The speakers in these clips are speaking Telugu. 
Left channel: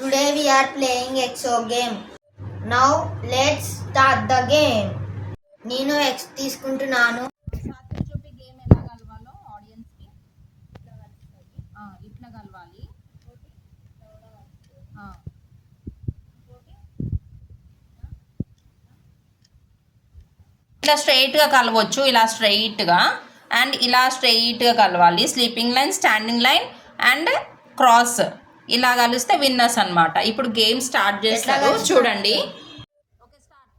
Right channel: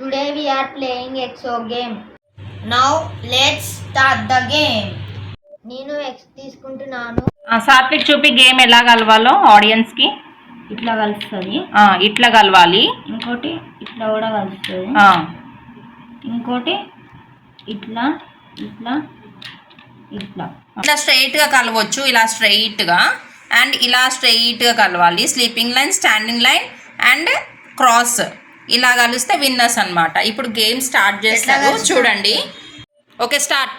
Today we are playing EXO game. Now let's start the game. నేను ఎక్స్ తీసుకుంటున్నాను. సాత్విక్ చూపి గేమ్ ఎలా కలవాలో ఆడియన్స్ కి. ఇట్లా కలుస్తుంది. ఇట్లా కలవాలి. ఇంకోటి ఇట్లా కూడా కలుస్తుంది. ఇంకోటి ఇట్లా ఇట్లా ఇట్లా ఇట్లా స్ట్రైట్గా కలవచ్చు. ఇలా స్ట్రైట్గా అండ్ ఇలా స్ట్రైట్గా కలవాలి. Sleeping line, standing line and cross ఇలా కలిస్తే విన్నర్స్ అన్నమాట. ఇప్పుడు గేమ్ స్టార్ట్ చేస్తారు చూడండి. Okay start.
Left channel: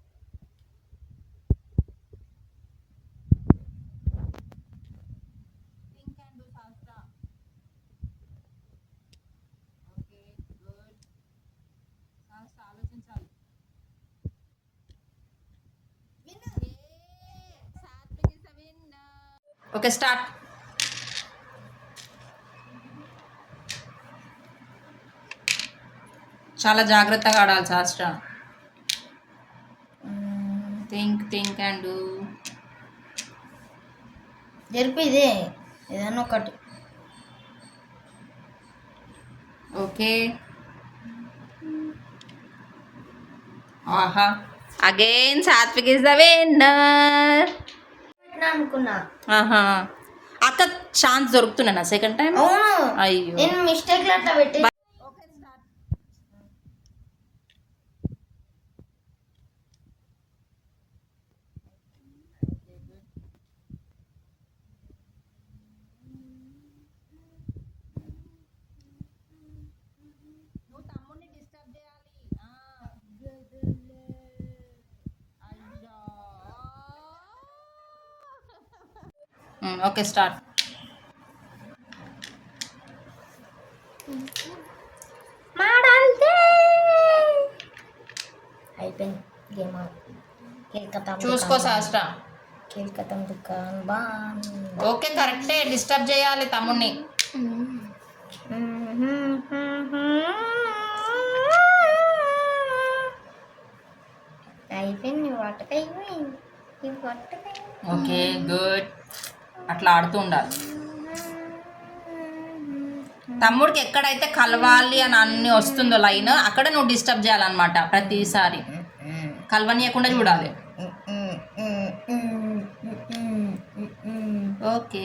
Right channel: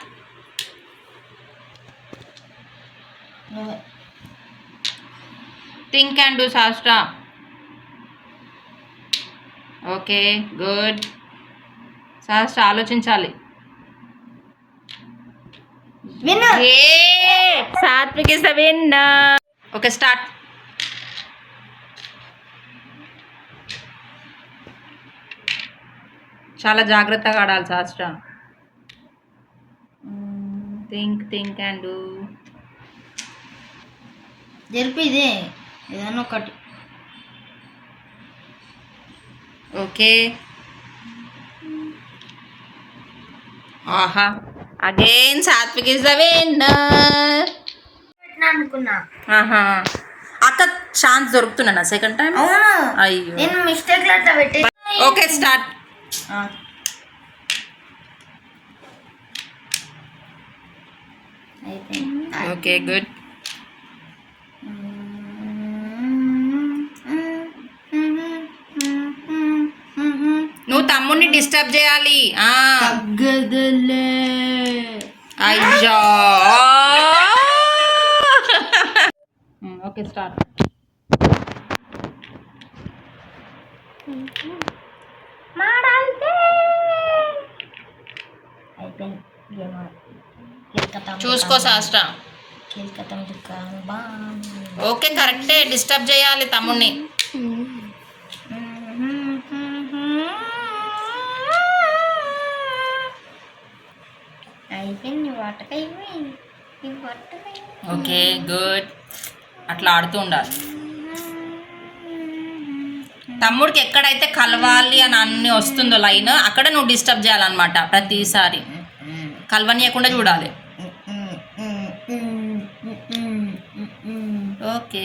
Think and do Shastra. Okay good. Shastra ఆలోచించాలి. Winner. Satvik is the winner. Okay start. చాలా జాగ్రత్తగా ఆడాలి శాస్త్ర. Think and do. జరిపి ఇదే ఏదన్నా ఒకటి. ఓకే. ఆహా again Satvik is the winner. అనుకున్నా. ఆహా అక్క ఛాన్స్ దొరుకుతున్నా సెకండ్ టైం. అవును. అయ్యో నేను మిస్టేక్ అట్లా పెట్టి. Okay start. Okay good. నువ్వు తమ్ముడిని డిస్టర్బ్ చేయాలి. అయ్యో ఓకే స్టార్ట్. అయిపోయింది గేమ్. చూసుకో శాస్త్ర. కేల్కతం ఓకే కరెక్టే. డిస్టర్బ్ చేయాలి తమ్ముడిని. అయిపోయింది. Okay good. అట్లా ఆడుతూ ఉండాలి. తమ్ముడికి ఎక్కడైతే కలవాలి అని అన్ని వస్తుందో లైన్ అక్కడ నువ్వు డిస్టర్బ్ చేయాలన్నమాట. ప్రతిసారి కలవనీయకుండా చూడాలి. Okay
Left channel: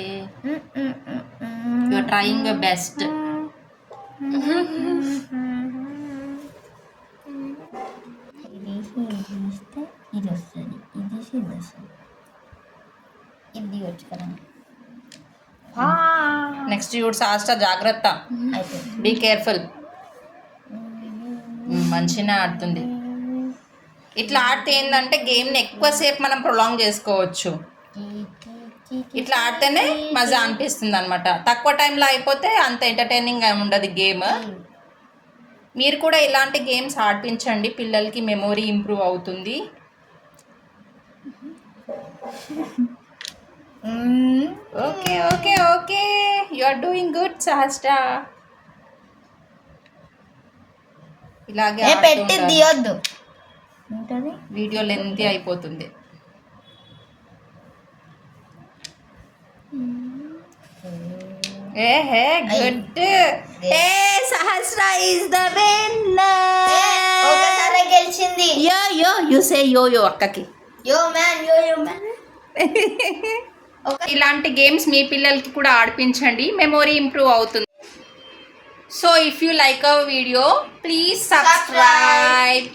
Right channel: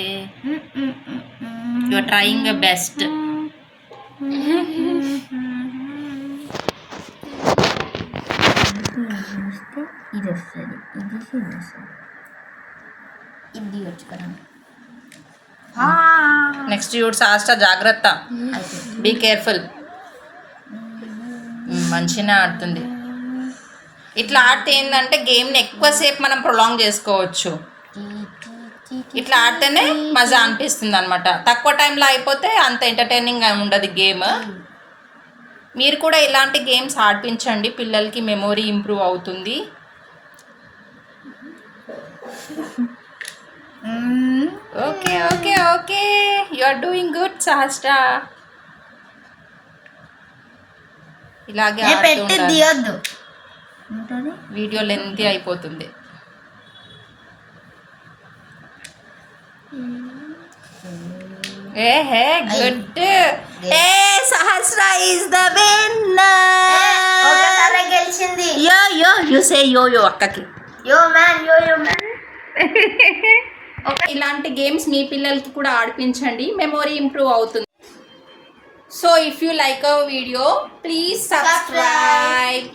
you are trying your best. ఇది వస్తుంది, ఇది వస్తుంది, ఇది వచ్చు కదా. నెక్స్ట్ చూడు శాస్త్ర జాగ్రత్త. Be careful. మంచిగా ఆడుతుంది. ఇట్లా ఆడితే ఏంటంటే గేమ్ని ఎక్కువసేపు మనం ప్రొలాంగ్ చేసుకోవచ్చు. ఇట్లా ఆడితేనే మజా అనిపిస్తుంది అనమాట. తక్కువ టైంలో అయిపోతే అంత ఎంటర్టైనింగ్ ఉండదు గేమ్. మీరు కూడా ఇలాంటి గేమ్స్ ఆడిపించండి, పిల్లలకి మెమొరీ ఇంప్రూవ్ అవుతుంది. Okay okay okay you are doing good Sahasra. ఇలాగే తీయద్దు, వీడియో లెంతీ అయిపోతుంది. ఏహే గుడ్. ఏ సహస్ర ఇస్ ద విన్నర్. ఒకసారి గెలిచింది. యో యో యు సే యో యో అక్కకి. యో మ్యాన్, యో యో మ్యాన్. ఇలాంటి గేమ్స్ మీ పిల్లలకి కూడా ఆడిపించండి, మెమొరీ ఇంప్రూవ్ అవుతుంది. So if you like our video please subscribe.